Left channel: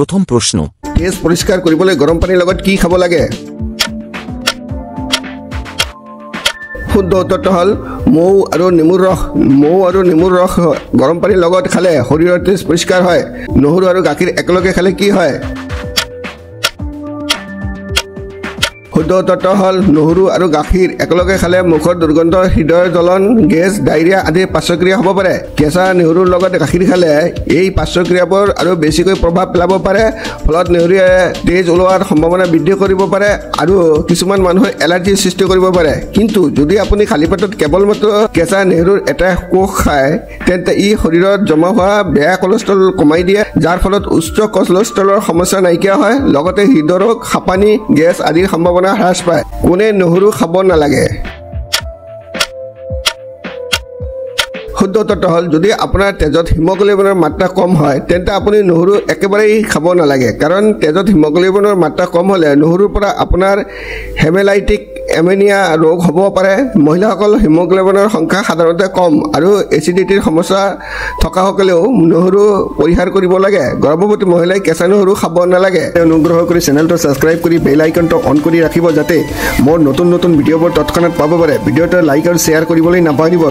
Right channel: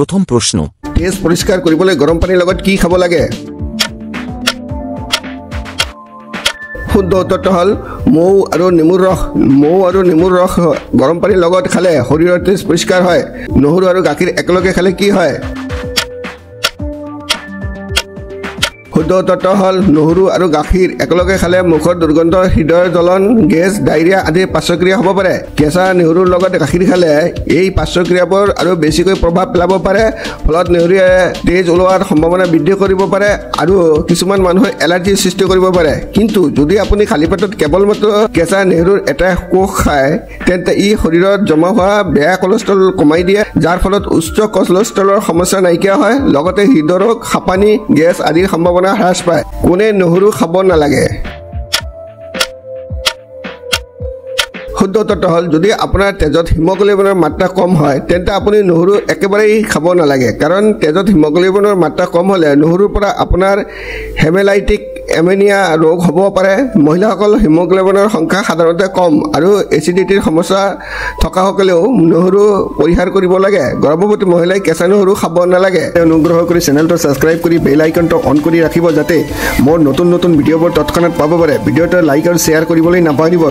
প্ৰথম প্ৰশ্ন, তেজ পৰিষ্কাৰ কৰিবলৈ গৰম পানীৰ লগত কি খাব লাগে? শুদ্ধ উত্তৰটো হ'ল মৌ আৰু নেমুৰ ৰস গৰম পানীৰ লগত খালে শৰীৰৰ তেজ পৰিষ্কাৰ হয়। নহৰু আৰু গাখীৰ একেলগে খালে কি হয়? শুদ্ধ উত্তৰটো হ'ল নহৰু আৰু গাখীৰ একেলগে খালে মুখৰ দুৰ্গন্ধ, হৃদয়ৰ জ্বলন, গেছ, ডায়েৰিয়া আদিৰ পাৰ্শ্বক্ৰিয়া হ'ব পাৰে। কেঁচা নহৰুৰ লগত গাখীৰ খালে এই পাৰ্শ্বক্ৰিয়াবোৰ আৰু বেছিকৈ প্ৰভাৱ পেলাব পাৰে, ফলত নহৰুৱে তেজ ওলোৱাৰ সম্ভাৱনা বৃদ্ধি কৰিব পাৰে আৰু কিছুমান মানুহৰ এলাৰ্জিৰ সৃষ্টি কৰিব পাৰে। কিন্তু যদি আপুনি খালী পেটত কেৱলমাত্ৰ কেঁচা নহৰুৰ এটা কোষ খায়, তেন্তে ই শৰীৰত জমা হোৱা বেয়া কলেষ্ট্ৰল কমাই দিয়ে, যাৰ ফলত উচ্চ কলেষ্ট্ৰলৰ সমস্যা নাইকিয়া হয়, লগতে হৃদৰোগ, হাঁপানি, গেছ আদিৰ সম্ভাৱনা হ্ৰাস পায়। কোনে নহৰু খাব নালাগে? শুদ্ধ উত্তৰটো হ'ল যদি আপোনাৰ তেজত হিমোগ্লোবিনৰ মাত্ৰা কম হয়, তেন্তে আপুনি নহৰু একেবাৰেই খাব নালাগে। কাৰণ তেজত হিমোগ্লোবিনৰ মাত্ৰা কম হ'লে নহৰুৰ পৰা আপোনাৰ হেমেলাইটিক এমিনিয়া ৰোগ হ'ব পাৰে। মহিলাসকলৰ হিমোগ্লোবিনৰ সংখ্যা সাধাৰণতে কম আৰু এচিডিটিৰ সমস্যা থকাসকলেও নহৰু পৰিহাৰ কৰিব লাগে। গৰ্ভৱতী মহিলাই কেঁচা নহৰু খাব নালাগে। অনুগ্ৰহ কৰি চেনেলটো ছাবস্ক্ৰাইব কৰি বেল আইকনটো অন কৰি ৰাখিব, যাতে মোৰ নতুন ভিডিঅ'বোৰ তৎক্ষণাত পাব পাৰে। ভিডিঅ'টো লাইক আৰু শ্বেয়াৰ কৰিবলৈ নাপাহৰিব।